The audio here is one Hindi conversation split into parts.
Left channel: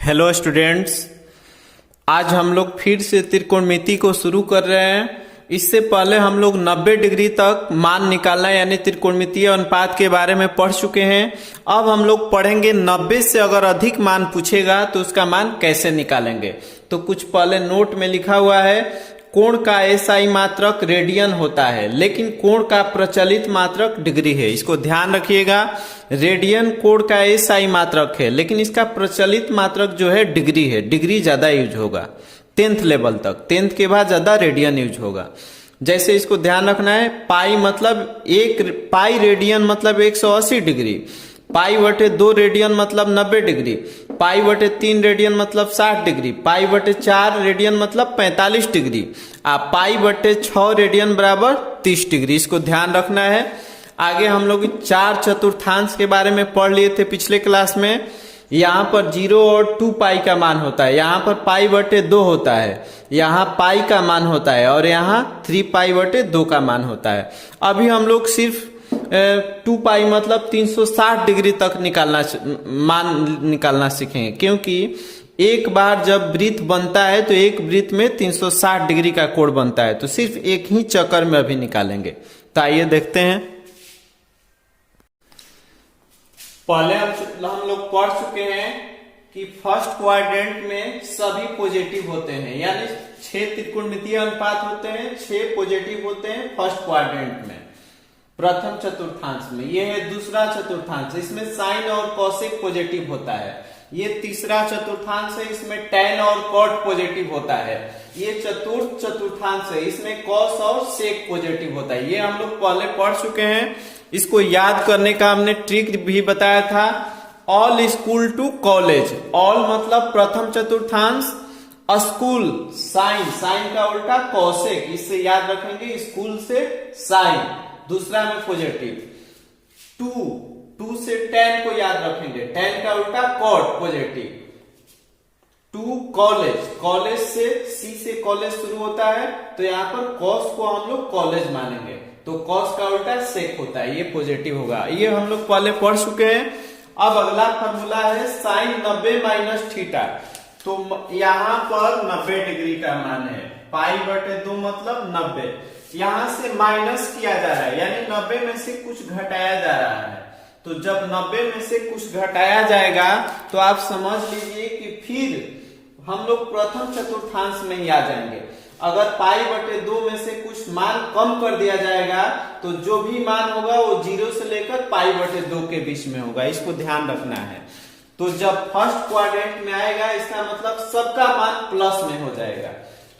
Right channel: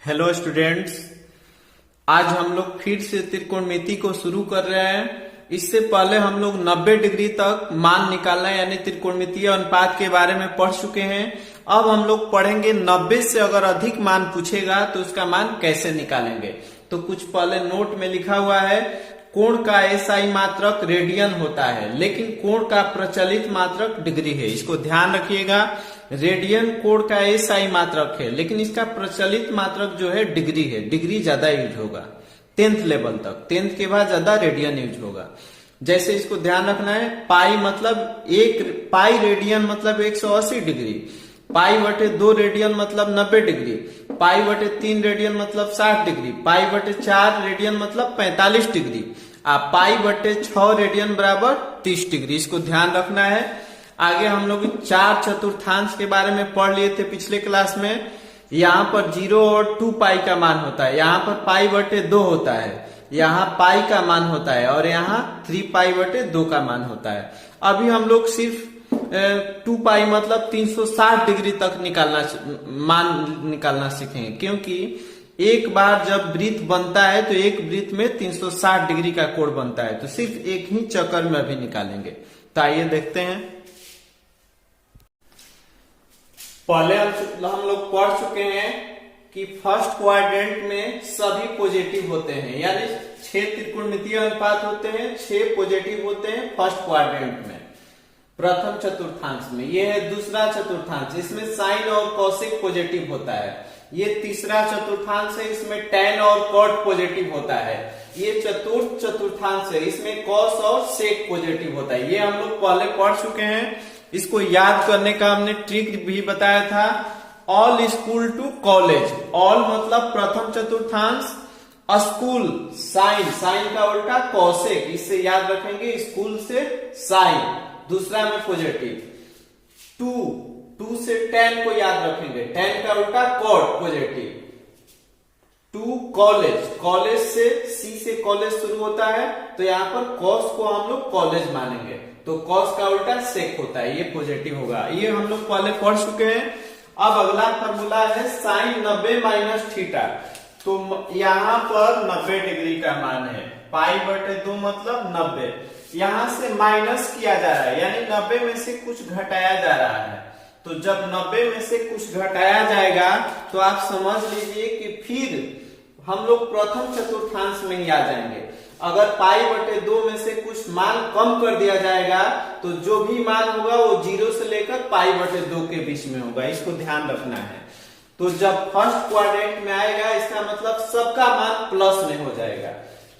हेलो स्टूडेंट्स, आज हम लोग फिर से त्रिकोणमिति को शुरू कर रहे हैं। इससे पहले हम लोग 90 डिग्री तक मान निकालना यानी त्रिकोणमितीय अनुपात के बारे में पढ़ चुके हैं। अब हम लोग पढ़ेंगे 90 से अगर अधिक मान पूछेगा तो उसका मान कैसे निकालेंगे। तो कुछ पहले नोट में लिखा हुआ है, कोण का एसआई मात्रक रेडियन होता है, लेकिन कोण का प्रचलित मात्रक डिग्री है। इसको ध्यान रखिएगा, रेडियन कोण का एसआई मात्रक है, लेकिन इसका प्रचलित मात्रक जो है डिग्री है। डिग्री ज्यादा यूज होगा 10th लेवल तक, 10th के बाद ज्यादा रेडियन यूज होगा। जैसे इसको ध्यान रखना है, पाई मतलब पाई रेडियन मतलब 180 डिग्री, पाई बटे 2 रेडियन मतलब 90 डिग्री, पाई बटे 3 रेडियन मतलब 60 डिग्री, पाई बटे 4 रेडियन मतलब 45 डिग्री, पाई बटे 6 रेडियन बराबर 30 डिग्री। इसको ध्यान रखना है। आगे हम लोग 4 चतुर्थांश के बारे में पढ़ लिए थे पिछले क्लास में। यहाँ पर 0 और 2 पाई का मान होता है, यहाँ पर पाई बटे 2 होता है, यहाँ पाई का मान होता है और यहाँ 3 पाई बटे 2 का मान होता है। अभी हम लोग सिर्फ 2 पाई मतलब 360 डिग्री तक मान निकालना सीखेंगे, क्योंकि एक बार जब वृत्त बनता है तो एक वृत्त में 360 डिग्री का कोण बनता है, तो सिर्फ एक ही चक्कर में अभी निकालेंगे। तो आइए देखते हैं। पहले हम लोग पढ़ चुके हैं कि फर्स्ट क्वाड्रेंट में सभी पॉजिटिव होते हैं, यानी 6 त्रिकोणमितीय अनुपात होते हैं, 6 पॉजिटिव होते हैं फर्स्ट क्वाड्रेंट में, प्रथम चतुर्थांश में। ये है दूसरा चतुर्थांश, इसमें साइन और कॉसेक पॉजिटिव होता है। ये तीसरा चतुर्थांश है, इसमें टैन और कॉट पॉजिटिव होता है। ये चतुर्थ चतुर्थांश है, इसमें कॉस और सेक पॉजिटिव होता है। ये हम लोग पहले पढ़ चुके हैं। इसको याद करने का हमने ट्रिक भी बताया था। All school to college, all मतलब प्रथम चतुर्थांश, स्कूल साइन, साइन का उल्टा कॉसेक, इससे याद रखेंगे स्कूल से साइन, दूसरा में पॉजिटिव। 2 से 10 को याद रखेंगे, 10 का उल्टा कॉट पॉजिटिव। 2 कॉलेज, कॉलेज से सी से कॉलेज शुरू होता है, तो यहाँ पर कॉस को हम लोग कॉलेज मानेंगे, तो कॉस का उल्टा सेक होता है, ये पॉजिटिव होगा। ये हम लोग पहले पढ़ चुके हैं। अब अगला फॉर्मूला है साइन 90 माइनस थीटा। तो यहाँ पर 90 डिग्री का मान है, पाई बटे 2 मतलब 90, यहां से माइनस किया जा रहा है, यानी 90 में से कुछ घटाया जा रहा है। तो जब 90 में से कुछ घटाया जाएगा तो आप समझ लीजिए कि फिर हम लोग प्रथम चतुर्थांश में ही आ जाएंगे। अगर पाई बटे 2 में से कुछ मान कम कर दिया जाएगा तो जो भी मान होगा वो 0 से लेकर पाई बटे 2 के बीच में होगा, इसको ध्यान रखना है। तो जब फर्स्ट क्वाड्रेंट में आएगा इसका मतलब सबका मान प्लस में हो जाएगा।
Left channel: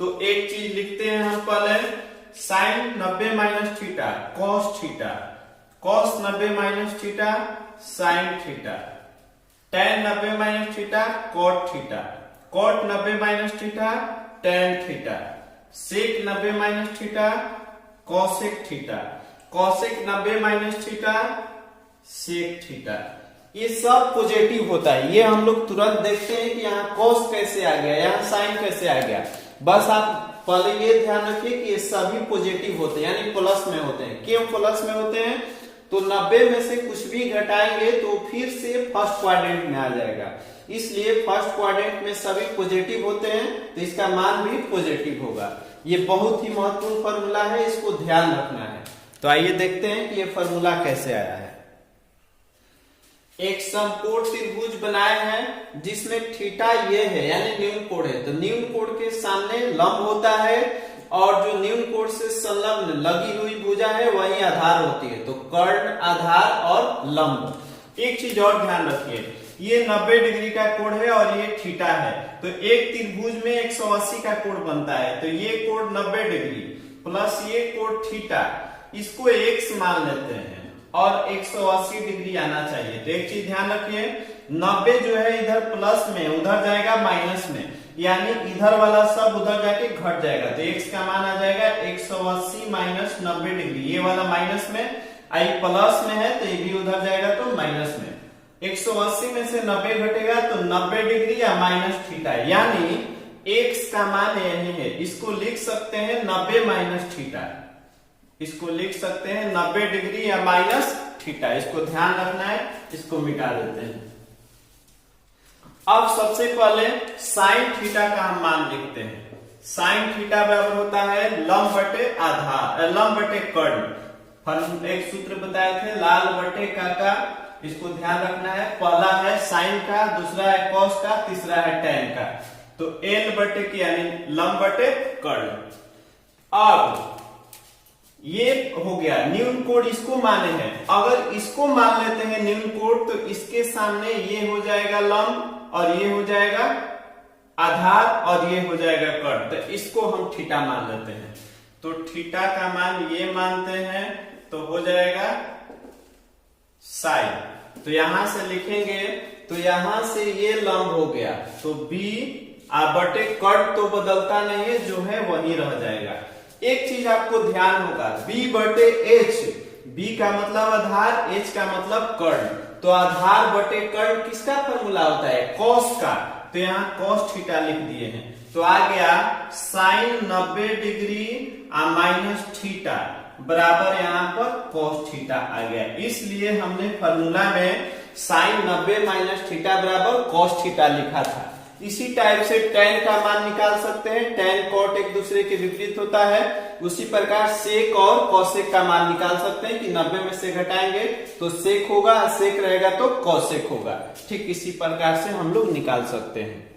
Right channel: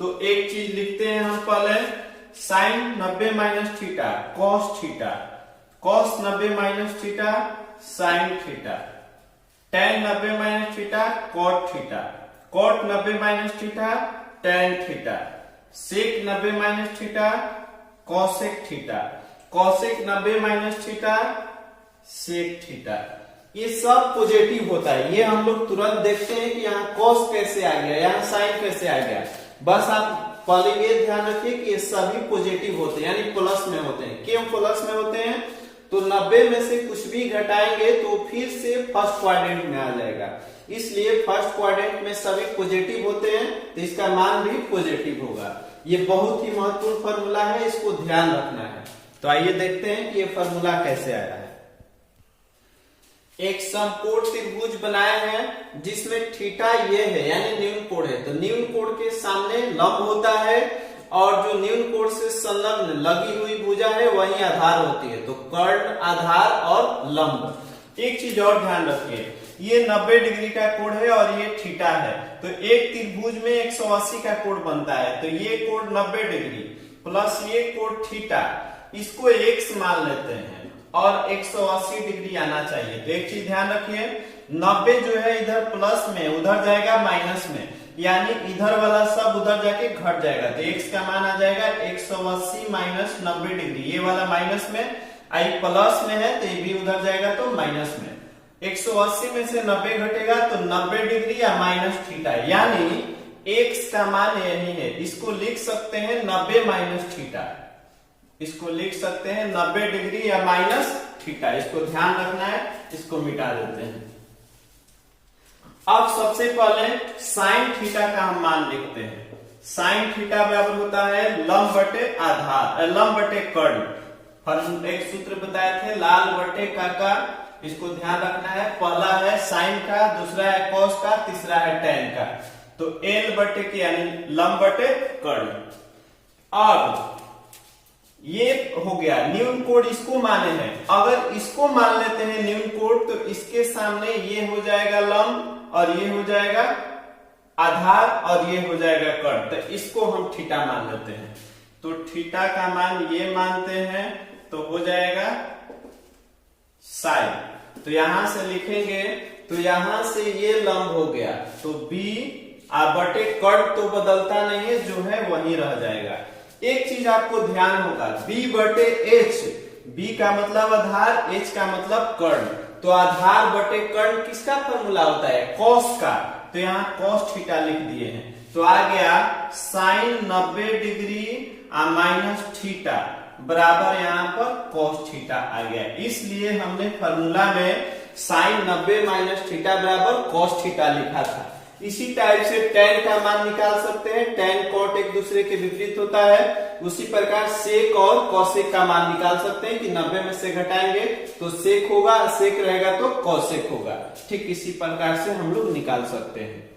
तो एक चीज लिखते हैं हम पहले, sine 90 minus theta cos theta, cos 90 minus theta sine theta, tan 90 minus theta cot theta, cot 90 minus theta tan theta, sec 90 minus theta cosec theta, cosec 90 minus theta sec theta. ये सब पॉजिटिव होता है। ये हम लोग तुरंत देखते हैं कि यहाँ कॉस कैसे आ गया, यहाँ साइन कैसे आ गया। बस आप पहले ये ध्यान रखिए कि ये सभी पॉजिटिव होते हैं, यानी प्लस में होते हैं। क्यों प्लस में होते हैं? तो 90 में से कुछ भी घटाएंगे तो फिर से फर्स्ट क्वाड्रेंट में आ जाएगा, इसलिए फर्स्ट क्वाड्रेंट में सभी पॉजिटिव होते हैं, तो इसका मान भी पॉजिटिव होगा। ये बहुत ही महत्वपूर्ण फॉर्मूला है, इसको ध्यान रखना है। तो आइए देखते हैं कि ये फॉर्मूला कैसे आया है। एक समकोण त्रिभुज बनाए हैं जिसमें थीटा ये है, यानी न्यून कोण है। तो न्यून कोण के सामने लंब होता है और जो न्यून कोण से संलग्न लगी हुई भुजा है वही आधार होती है। तो कर्ण, आधार और लंब। एक चीज और ध्यान रखिए, ये 90 डिग्री का कोण है और ये थीटा है, तो एक त्रिभुज में 180 का कोण बनता है। तो ये कोण 90 डिग्री प्लस ये कोण थीटा, इसको x मान लेते हैं और 180 डिग्री आना चाहिए। तो एक चीज ध्यान रखिए, 90 जो है इधर प्लस में, उधर जाएगा माइनस में, यानी इधर वाला सब उधर जाके घट जाएगा। तो x का मान आ जाएगा 180 माइनस 90 डिग्री, ये वाला माइनस में, आई प्लस में है तो ये भी उधर जाएगा तो माइनस में। 180 में से 90 घटेगा तो 90 डिग्री या माइनस थीटा, यानी x का मान यही है। इसको लिख सकते हैं 90 माइनस थीटा, इसको लिख सकते हैं 90 डिग्री या माइनस थीटा। इसको ध्यान रखना है, इसको मिटा देते हैं। अब सबसे पहले साइन थीटा का हम मान लिखते हैं। साइन थीटा बराबर होता है लंब बटे आधार, लंब बटे कर्ण। एक सूत्र बताए थे लाल बटे का, इसको ध्यान रखना है। पहला है साइन का, दूसरा है कॉस का, तीसरा है टेन का। तो एल बटे के यानी लंब बटे कर्ण। अब ये हो गया न्यून कोड, इसको माने हैं। अगर इसको मान लेते हैं न्यून कोड तो इसके सामने ये हो जाएगा लंब और ये हो जाएगा आधार और ये हो जाएगा कर्ण। तो इसको हम थीटा मान लेते हैं। तो थीटा का मान ये मानते हैं तो हो जाएगा साइन। तो यहां से लिखेंगे तो यहां से ये लंब हो गया तो बी बटे कर्ण तो बदलता नहीं है, जो है वही रह जाएगा। एक चीज आपको ध्यान होगा, b बटे एच, b का मतलब आधार, h का मतलब कर्ण। तो आधार बटे कर्ण किसका फॉर्मूला होता है? कॉस का। तो यहाँ कॉस थीटा लिख दिए हैं। तो आ गया साइन 90 डिग्री माइनस थीटा बराबर यहाँ पर कॉस थीटा आ गया। इसलिए हमने फॉर्मूला में साइन 90 माइनस थीटा बराबर कॉस थीटा लिखा था। इसी टाइप से टेन का मान निकाल सकते हैं। टेन कॉट एक दूसरे के विपरीत होता है। उसी प्रकार सेक और कॉसेक का मान निकाल सकते हैं कि 90 में से घटाएंगे तो सेक होगा, सेक रहेगा तो कॉसेक होगा। ठीक इसी प्रकार से हम लोग निकाल सकते हैं।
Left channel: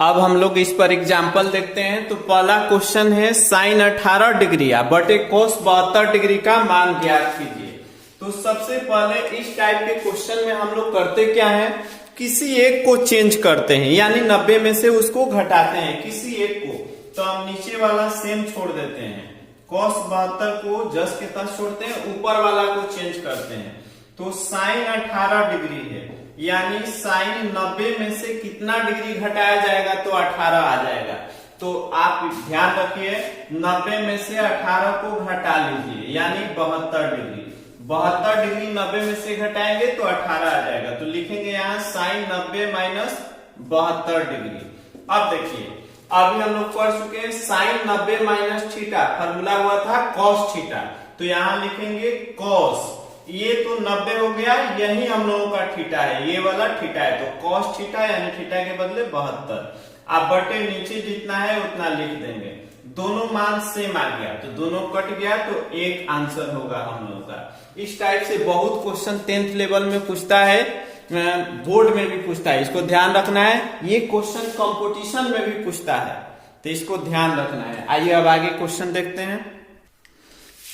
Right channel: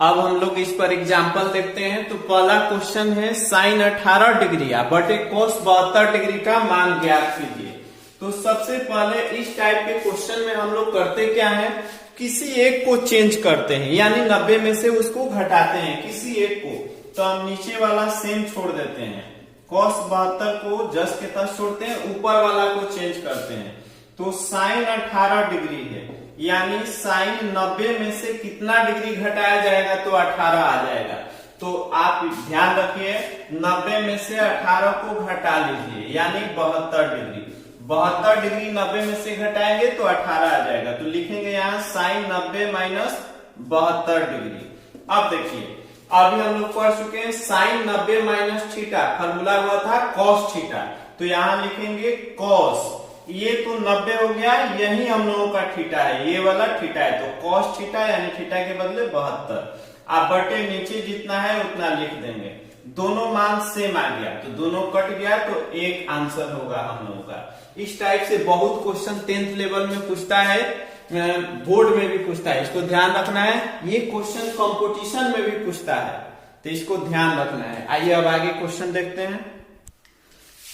अब हम लोग इस पर एग्जाम्पल देखते हैं। तो पहला क्वेश्चन है साइन 18 डिग्री बटे कोस 72 डिग्री का मान ज्ञात कीजिए। तो सबसे पहले इस टाइप के क्वेश्चन में हम लोग करते क्या है, किसी एक को चेंज करते हैं, यानी 90 में से उसको घटाते हैं किसी एक को। तो हम नीचे वाला सेम छोड़ देते हैं, cos 72 को जस के तस छोड़ते हैं, ऊपर वाला को चेंज करते हैं। तो साइन 18 डिग्री है, यानी साइन 90 में से कितना डिग्री घटाया जाएगा तो 18 आ जाएगा। तो आप ध्यान रखिए 90 में से 18 को घटा लीजिए, यानी 72 डिग्री। 72 डिग्री 90 में से घटाएंगे तो 18 आ जाएगा। तो लिखेंगे यहाँ साइन 90 माइनस 72 डिग्री। अब देखिए अभी हम लोग पढ़ चुके हैं साइन 90 माइनस थीटा, फॉर्मूला हुआ था कॉस थीटा। तो यहाँ लिखेंगे कॉस, ये तो 90 हो गया, यही हम लोगों का थीटा है, ये वाला थीटा है। तो कॉस थीटा यानी थीटा के बदले 72। आप बटे नीचे जितना है उतना लिख देंगे। दोनों मान सेम आ गया तो दोनों कट गया तो एक आंसर होगा हम लोगों का। इस टाइप से बहुत क्वेश्चन 10th लेवल में पूछता है, बोर्ड में भी पूछता है, इसको ध्यान रखना है। ये क्वेश्चन कंपटीशन में भी पूछता है तो इसको ध्यान रखना है। आइए अब आगे क्वेश्चन देखते हैं।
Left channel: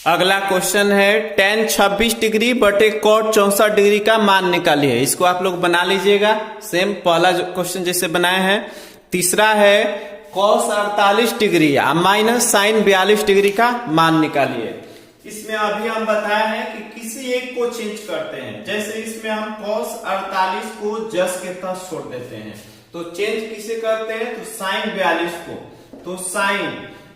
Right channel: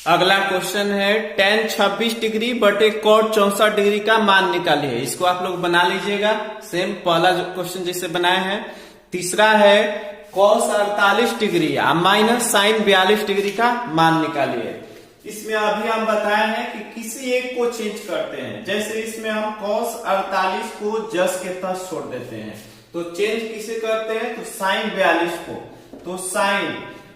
अगला क्वेश्चन है tan 26 डिग्री बटे cot 64 डिग्री का मान निकालिए। इसको आप लोग बना लीजिएगा सेम पहला क्वेश्चन जैसे बनाया है। तीसरा है cos 48 degree minus sine 42 degree का मान निकालिए। इसमें अभी हम बताए हैं कि किसी एक को चेंज करते हैं। जैसे इसमें हम cos 48 को जस के तस छोड़ देते हैं, तो चेंज किसे करते हैं तो साइन 42 को। तो साइन,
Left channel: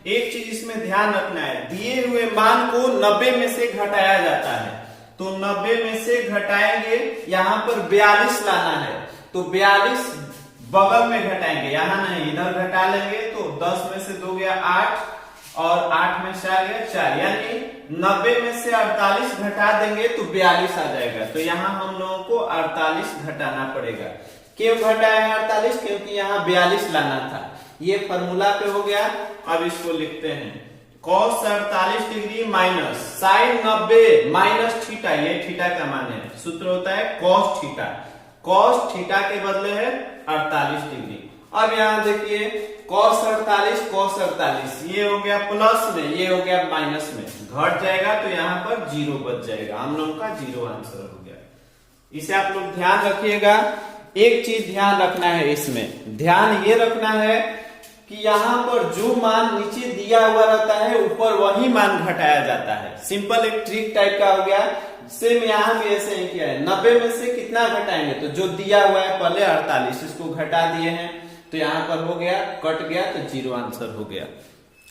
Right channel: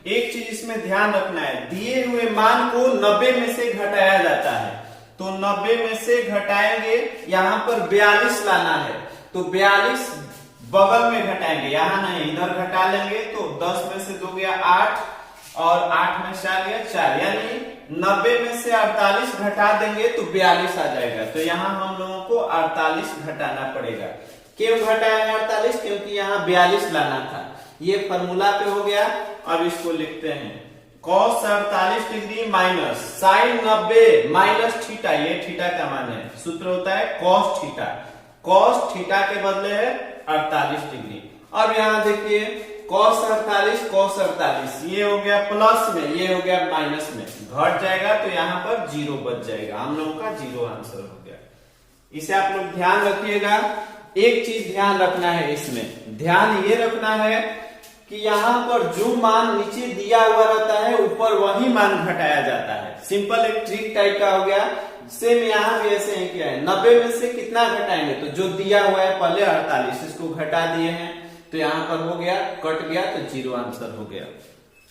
एक चीज इसमें ध्यान रखना है, दिए हुए मान को 90 में से घटाया जाता है। तो 90 में से घटाएंगे, यहाँ पर 42 लाना है तो 42 बगल में घटाएंगे, यहाँ नहीं इधर घटा लेंगे। तो 10 में से 2 गया 8 और 8 में 4 गया 4, यानी 90 में से 48 घटा देंगे तो 42 आ जाएगा। तो यहाँ हम लोगों को 48 घटाना पड़ेगा। क्यों घटाया 48? क्योंकि यहाँ 42 लाना था। ये फॉर्मूला पे हो गया। अब इसको लिखते हैं cos 48 degree minus sine 90 minus theta, ये थीटा का मान है, सूत्र होता है cos थीटा। cos थीटा के बदले है 48 डिग्री। अब यहाँ देखिए cos 48 ये हो गया प्लस में, ये हो गया माइनस में, घट जाएगा तो यहाँ पर 0 बच जाएगा। हम लोगों का 0 आंसर हो गया। इसे आप लोग ध्यान रखिएगा। एक चीज ध्यान रखना है, इसमें ध्यान ये रखना है कि यहाँ पर जो मान नीचे दिया हुआ रहता है ऊपर वही मान घटाया जाता है। सिंपल एक ट्रिक टाइप का हो गया। सेम यहाँ भी ऐसे ही किया है। 90 में से कितना घटाएंगे तो जो दिया हुआ है पहले 48, इसको घटा दिए हैं तो यहाँ पर हो गया, कट गया तो 0 आंसर हो गया।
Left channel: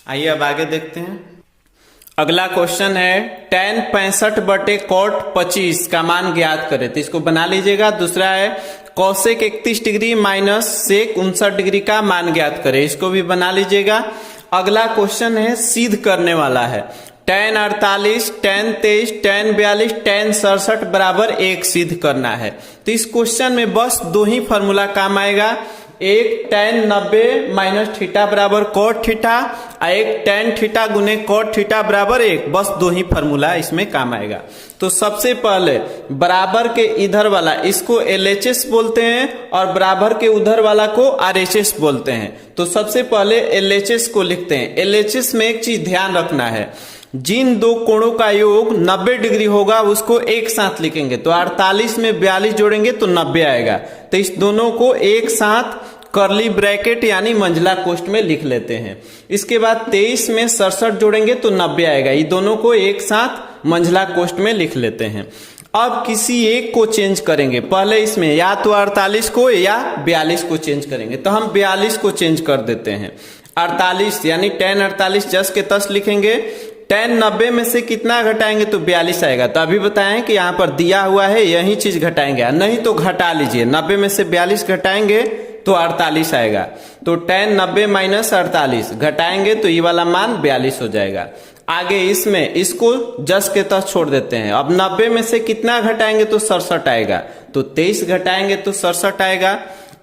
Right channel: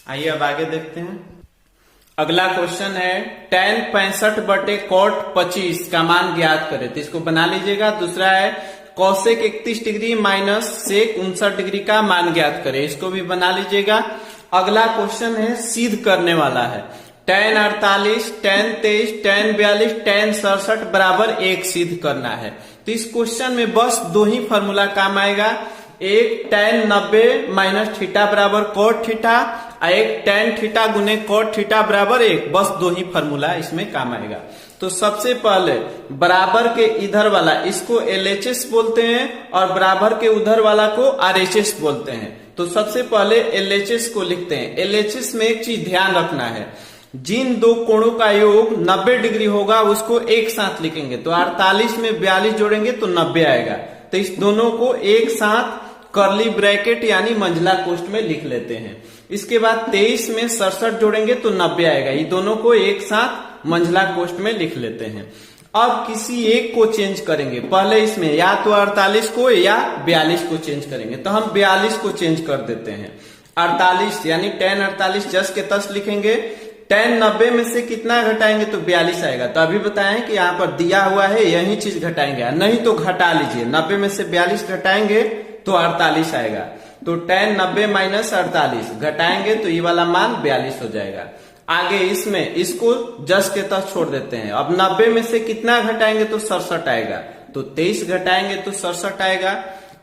आइए अब आगे देखते हैं। अगला क्वेश्चन है tan 65 बटे cot 25 का मान ज्ञात करें। तो इसको बना लीजिएगा। दूसरा है cosec 31 degree minus sec 59 degree का मान ज्ञात करें। इसको भी बना लीजिएगा। अगला क्वेश्चन है सिद्ध करने वाला है। tan 48, tan 23, tan 42, tan 67 बराबर 1 सिद्ध करना है। तो इस क्वेश्चन में बस दो ही फॉर्मूला काम आएगा, एक tan 90 माइनस थीटा बराबर cot थीटा और एक tan थीटा गुने cot थीटा बराबर 1, बस दो ही फॉर्मूला इसमें काम आएगा। तो सबसे पहले बराबर के इधर वाला इसको LHS बोलते हैं और बराबर के उधर वाला को RHS बोलते हैं। तो सबसे पहले LHS को लिखते हैं। LHS में एक चीज ध्यान रखना है, जिन दो कोणों का योग 90 डिग्री होगा उसको एक साथ लिखेंगे। तो 48 में 42 जोड़ेंगे तो 90 आएगा। तो इस दोनों को एक साथ कर्ली ब्रैकेट यानी मंझला कोष्ठ में लिख लेते हैं। इसके बाद 23 में 67 जोड़ेंगे तो 90 आएगा। ये दोनों को एक साथ मंझला कोष्ठ में लिख लेते हैं। अब किसी एक को चेंज करेंगे, पहले इसमें या तो 48 को या 42 को चेंज करेंगे। तो हम 42 को चेंज कर देते हैं। 48 यानी tan 48 जस के तस लिखेंगे। tan 90 में से कितना घटाएंगे तो 42 आएगा। तो अभी बताएं कि यहाँ पर दिया हुआ है यही चीज घटाएंगे, नहीं तो घटा लीजिए। 90 में से 42 घटाएंगे तो 48 आएगा। तो tan 90 माइनस 48 घटाएंगे तो ये वाला मान 42 हो जाएगा। आगे इसमें इसको जस के तस छोड़ देते हैं। अब 90 में से कितना घटाएंगे तो 67 आएगा। तो 23 घटाएंगे तो 67 आएगा।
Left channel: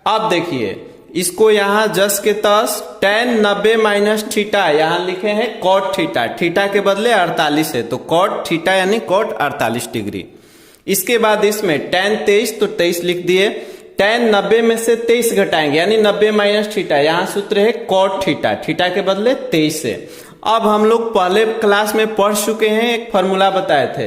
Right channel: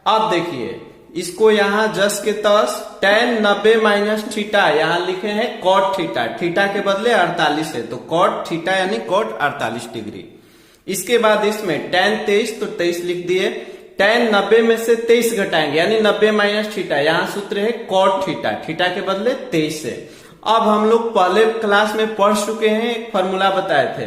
अब देखिए इसको यहाँ जस के तस tan 90 माइनस थीटा यहाँ लिखे हैं cot थीटा, थीटा के बदले 48 है तो cot थीटा यानी cot 48 डिग्री। इसके बाद इसमें tan 23 तो 23 लिख दिए। tan 90 में से 23 घटाएंगे यानी 90 माइनस थीटा, यहाँ सूत्र है cot थीटा, थीटा के बदले 23 है। अब हम लोग पहले क्लास में पढ़ चुके हैं, एक फॉर्मूला बताए थे,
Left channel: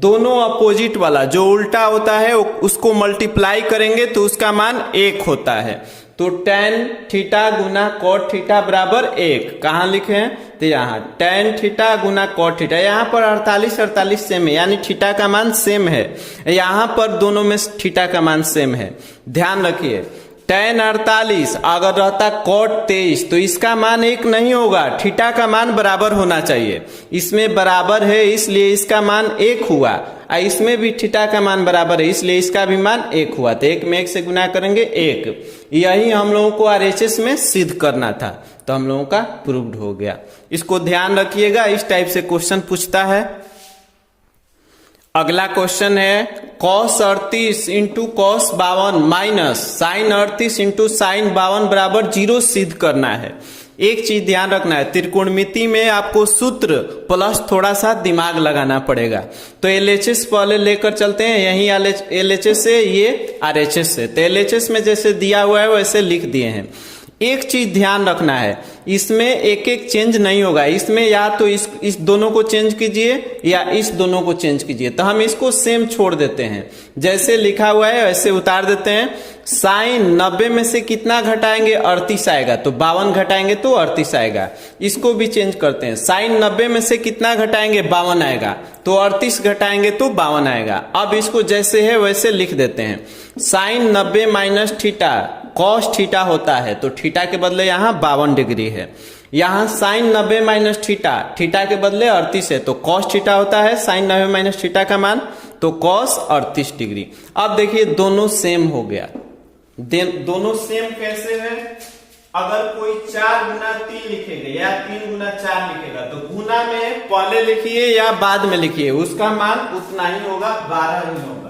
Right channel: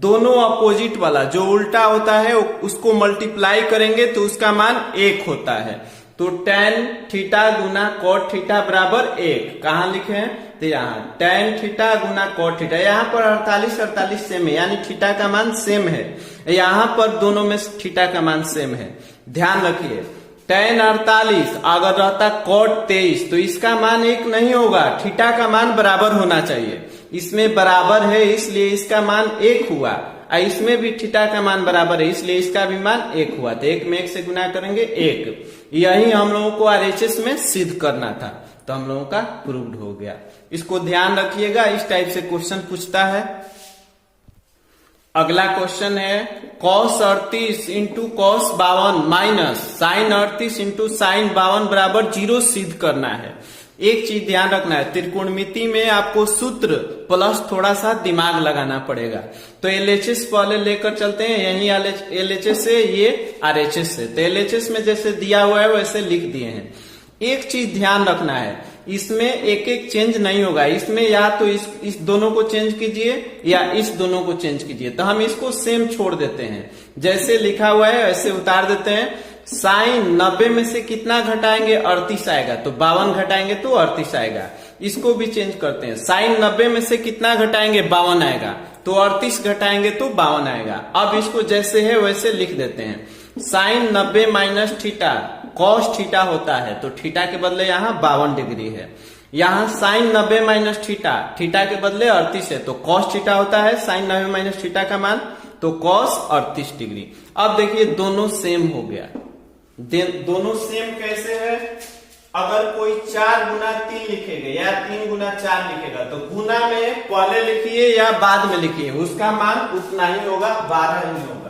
दोनों अपोजिट वाला जो उल्टा होता है उसको मल्टीप्लाई करेंगे तो उसका मान 1 होता है। तो tan थीटा गुना cot थीटा बराबर 1 कहाँ लिखे हैं तो यहाँ tan थीटा गुना cot थीटा। यहाँ पर 48 सेम है यानी थीटा का मान सेम है, यहाँ पर दोनों में थीटा का मान सेम है। ध्यान रखिए tan 48 अगर रहता cot 23 तो इसका मान 1 नहीं होगा, थीटा का मान बराबर होना चाहिए। इसमें बराबर है इसलिए इसका मान 1 हुआ, इसमें भी थीटा का मान बराबर है इसलिए इसका भी मान 1 हुआ। तो 1 में 1 से गुना करेंगे 1। यही हम लोगों को RHS में सिद्ध करना था, तो हम लोगों का प्रूव्ड हो गया। इसको ध्यान रखिएगा, इस टाइप से क्वेश्चन पूछता है। अगला क्वेश्चन है cos 38 into cos 52 minus sin 38 into sin 52 बराबर 0 सिद्ध करना है। एक चीज ध्यान रखना है, त्रिकोणमिति में आपको सूत्र प्लस थोड़ा सा दिमाग लगाना पड़ेगा। तो LHS पहले लेकर चलते हैं, यही LHS है ये RHS है। तो LHS में जैसे दिया हुआ है वैसे लिख दिए हैं। एक चीज ध्यान रखना है, इसमें एक एक चेंज नहीं होगा, इसमें या तो इस दोनों को चेंज कीजिए या इस दोनों को चेंज कीजिए। तो हम इसको सेम छोड़ देते हैं, जैसे लिखा हुआ है वैसे उतार देते हैं। sin 90 में से कितना घटाएंगे 38 आएगा, तो 52 घटाएंगे तो 38 आएगा। इसको भी चेंज करते हैं, sin 90 में से कितना घटाएंगे 52 आएगा, तो 38 घटाएंगे तो 52 आएगा। अब इसको जैसे है वैसे लिख देते हैं। sin 90 minus theta cos theta होता है, तो थीटा के बदले यहाँ 52 डिग्री है। यहाँ sin 90 माइनस थीटा, थीटा के बदले 38 है, तो cos थीटा होता है sin 90 माइनस थीटा का मान, तो cos 38 डिग्री। अब देखिए दोनों सेम हो गया। दोनों सेम कैसे है, अगर कोई 4 गुना 3 लिखेगा या 3 गुना 4 लिखेगा तो गुना में पहले लिखिए या बाद में लिखिए, उसका मान उतना ही होगा, 12 ही होगा।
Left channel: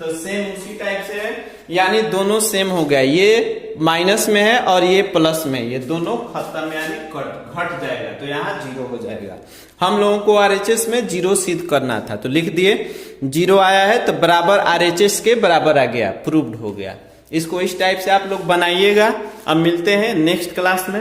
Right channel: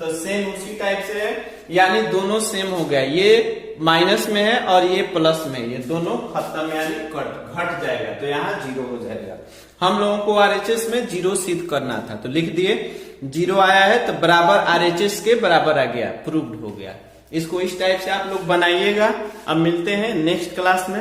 तो सेम उसी टाइप से है, यानी दोनों सेम हो गया। ये माइनस में है और ये प्लस में, ये दोनों खत्म यानी घट जाएगा, तो यहाँ 0 हो जाएगा। हम लोगों को RHS में 0 सिद्ध करना था, तो लिख दिए 0 आया है तो बराबर RHS के बराबर आ गया, प्रूव्ड हो गया। इसको इस टाइप से आप लोग बनाइएगा। अब मिलते हैं नेक्स्ट क्लास में।